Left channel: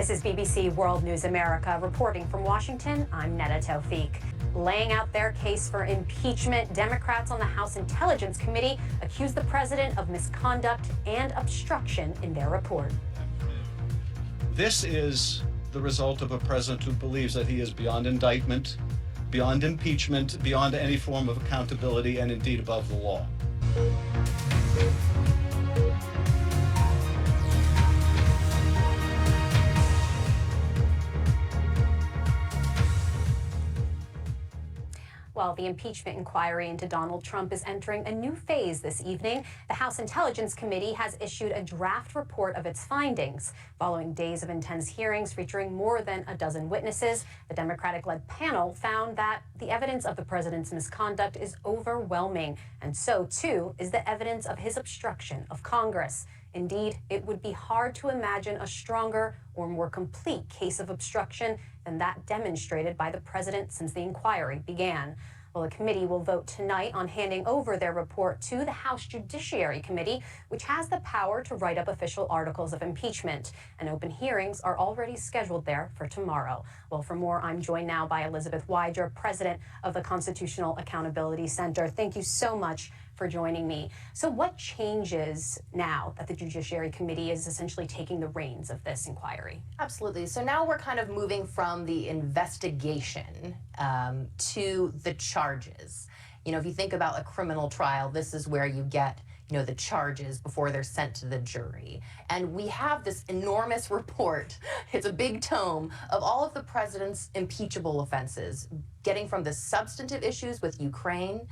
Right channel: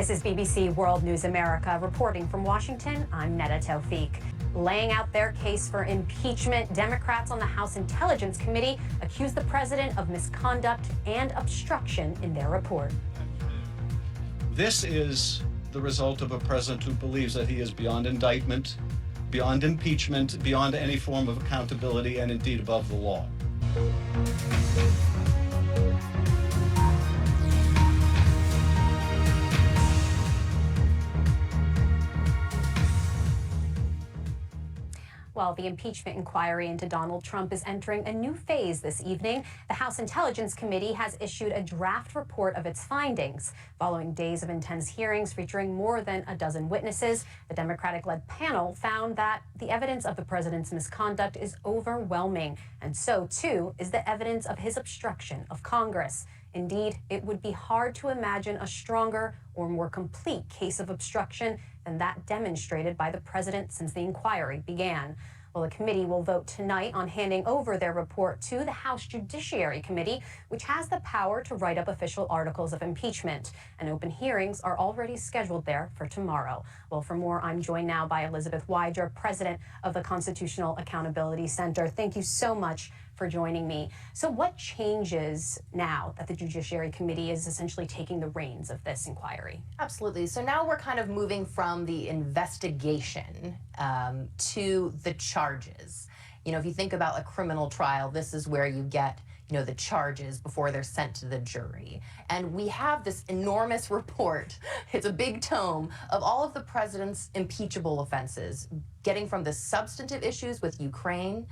This is BBC World News America. Reporting from Washington, I'm Neda Tawfiq. Laying out their case for impeachment, Democrats on the House Intelligence Committee accuse the president of misconduct and obstruction in their report. This is the result of a president who believes that he is beyond indictment, beyond impeachment, beyond any form of accountability, and indeed above the law. Well, the impeachment inquiry into Donald Trump is entering a new phase this evening. The House Intelligence Committee has issued a draft report of its findings. Following days of intense hearings featuring more than a dozen witnesses, the Democratic-led panel found that the evidence of the president's misconduct is overwhelming, and so, too, is the evidence of his obstruction of Congress. Indeed, it would be hard to imagine a stronger or more complete case of obstruction than that demonstrated by the president since the inquiry began. Well, the committee will vote tonight on handing over their report to the House Judiciary Committee, which has the power to write up official articles of impeachment. And open hearings are already scheduled there for tomorrow. Well, for more, I'm joined now by Elizabeth Wydra, president of the Constitutional Accountability Center. Thank you so much for joining me. So what changes now that the Judiciary Committee is essentially taking the reins of this inquiry? Absolutely. So now we're kind of moving from the investigation to the charges. You know, if you think about a criminal trial, this is where you get, you know, the charges before they're sent to the jury. And we have this enormous report, it's a big tome, of all of the president's impeachable offenses, getting from the substantive issues with Ukraine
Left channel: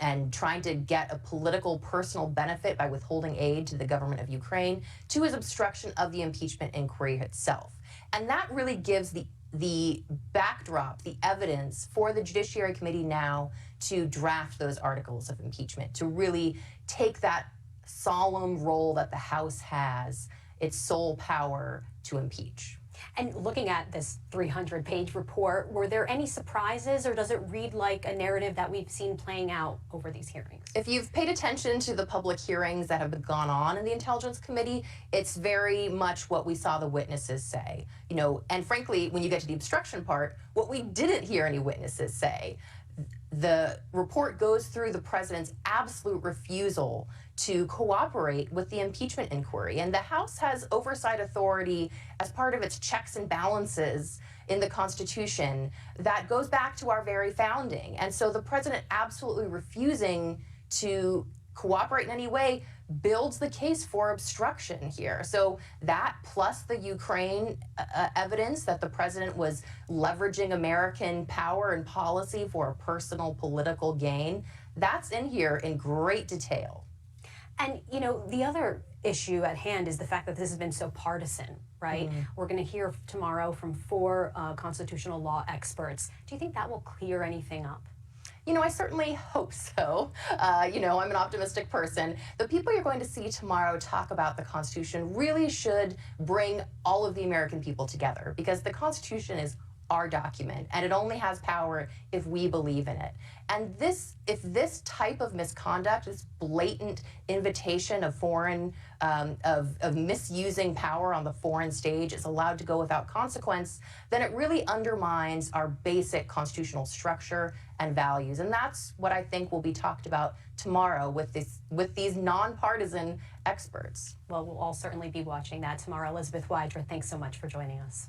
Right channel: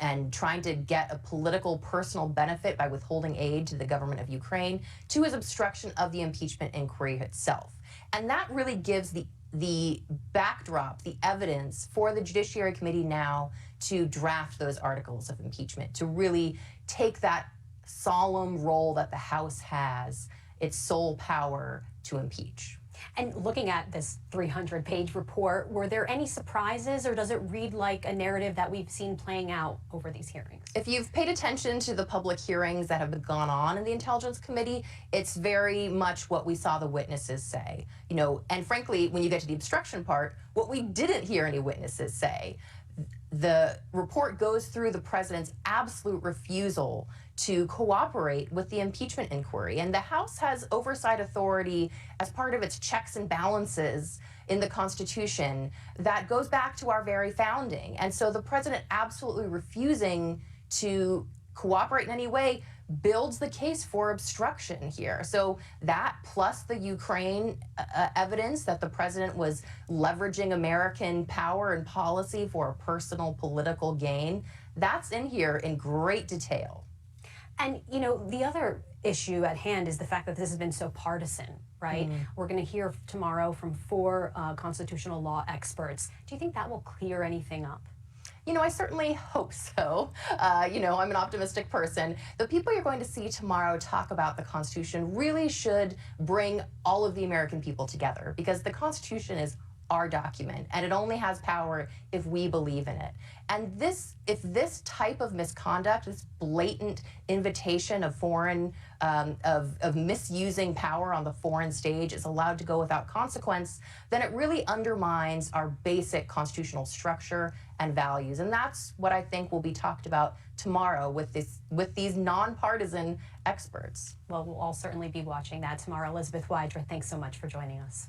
and trying to get a political personal benefit by withholding aid to the government of Ukraine, to his obstruction of the impeachment inquiry itself. And that really gives the backdrop, the evidence for the Judiciary Committee now to draft those articles of impeachment, to really take that solemn role that the House has, its sole power to impeach. And looking at this 300-page report, were there any surprises, or does it read like a narrative that we've seen playing out over these hearings? If you've paid attention to the public hearings that have gone on in the Intelligence Committee, it's very much what we saw the witnesses say. You know, and frankly, when you get to the obstruction part, what we didn't hear any witnesses say. The report goes through the president's absolute refusal to cooperate with the impeachment inquiry. And the House has oversight authority as part of its checks and balances in the Constitution that goes back to our very founding. And so the president absolutely refusing to cooperate in any way builds the case for obstruction here. So that, plus the Ukraine evidence that the president was leveraging American power and policy for a personal political gain, that's in here in great detail. And, you know, the other issue at hand is the fact that this has been so partisan, right? We're going to hear tomorrow from 4 constitutional law experts. Do you think that will clear anything up? You know, I certainly hope so. You know, I'm an optimistic person. The people you're going to see tomorrow talk about the Constitution really should bring all of the American people together, because the Constitution is our document, and it only has power if we believe in it. And if this type of misconduct, this blatant invitation of foreign, of misusing power on the foreign stage is allowed to go without consequence, then it really undermines our basic constitutional structure and values. And that's what I think will be talked about tomorrow with these nonpartisan experts. Well, we'll all certainly be watching that tomorrow. Elizabeth Wydra, thanks so much for joining us.